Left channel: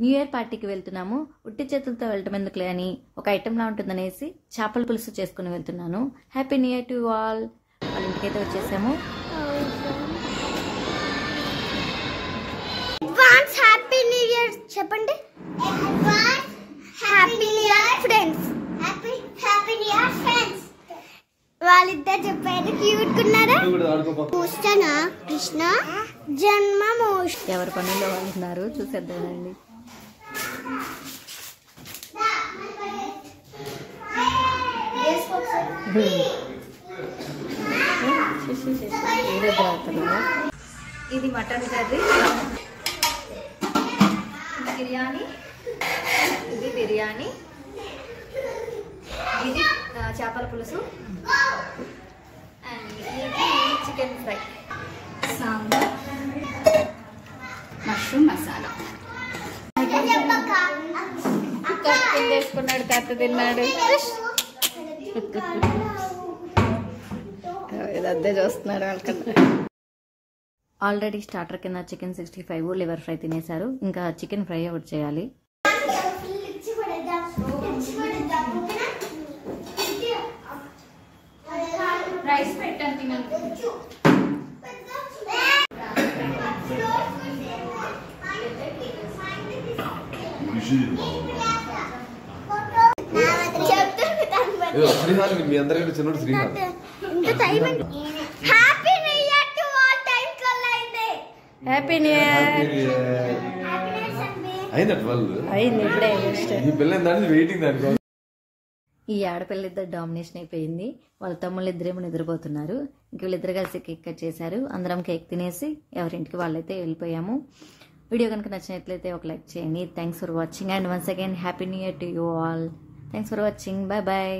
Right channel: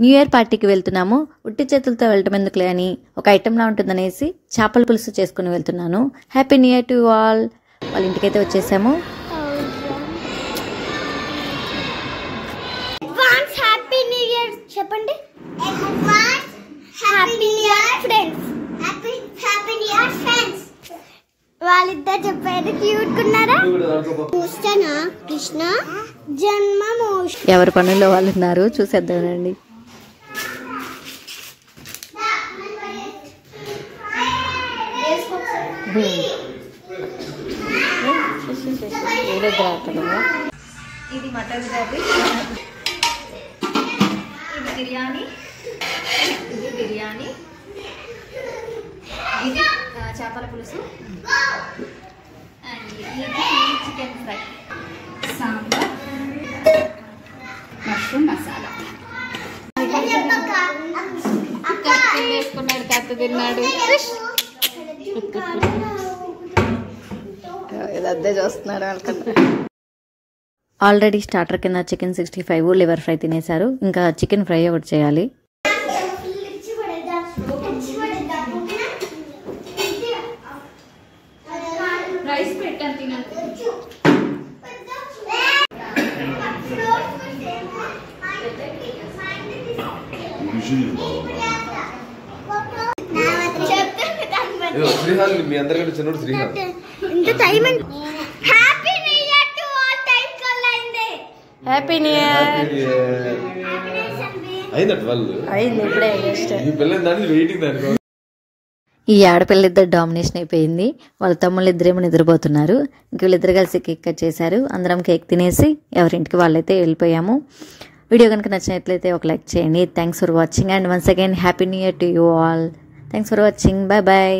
New year పార్టీకి వెళ్తున్నాము. ఉట్టి చేతులతో వెళ్ళటం ఎందుకులే అని ఒక ఐటెంలా ఉంటుందనేసి చేపల పులుసు చేసుకుని వెళ్తున్నాను. Happy new year to all. వాళ్ళ ఇంటికైతే వచ్చేసాము. హ్యాపీ న్యూ ఇయర్ చెప్పండి. Happy new year friends. Happy new year friends. వాళ్ళిద్దరు చెప్పారు క్యూట్ ఉన్నారా. కృష్ణ జన్మము. ఎవరి పనుల్లో వాళ్ళు ఉన్నారు, చూసేద్దామండి. ఇది మటన్ కర్రీ, ఇది బిర్యానీ, ఇది చేపల పులుసు, అండ్ ఇది chicken fry, sambar, mushroom masala. వేసుకున్నాడు, తాత తిన్నాడు. అదే చూస్తున్నారు వాళ్ళకన్నా. ఆల్రెడీ స్టార్టర్ కింద చికెన్ 65 లివర్ ఫ్రై తినేశారు. ఇంకా చికెన్ ఫ్రై ఒకటి చేయాలి. శ్రీహాన్ మీ అందరికంటే చిన్నోడు శ్రీహాన్. Happy new year. అయింది ఇప్పుడే. ఈ ఆడపిల్ల ఇద్దరు డామినేషన్ అయిపోయింది. వాళ్ళ తమ్ముళ్ళు ఇద్దరేమో నిద్రపోతున్నారు. ఇంక వీళ్ళిద్దరు కలిసి కేక్ కట్ చేశారు. అందరం కేక్ తినేసి ఎవరింటికి వాళ్ళైతే వెళ్ళిపోయాము. వీడియో కనుక నచ్చినట్లయితే ఒక లైక్ చేయండి. Thanks for watching and once again happy new year to you all. Thanks for watching. Bye bye.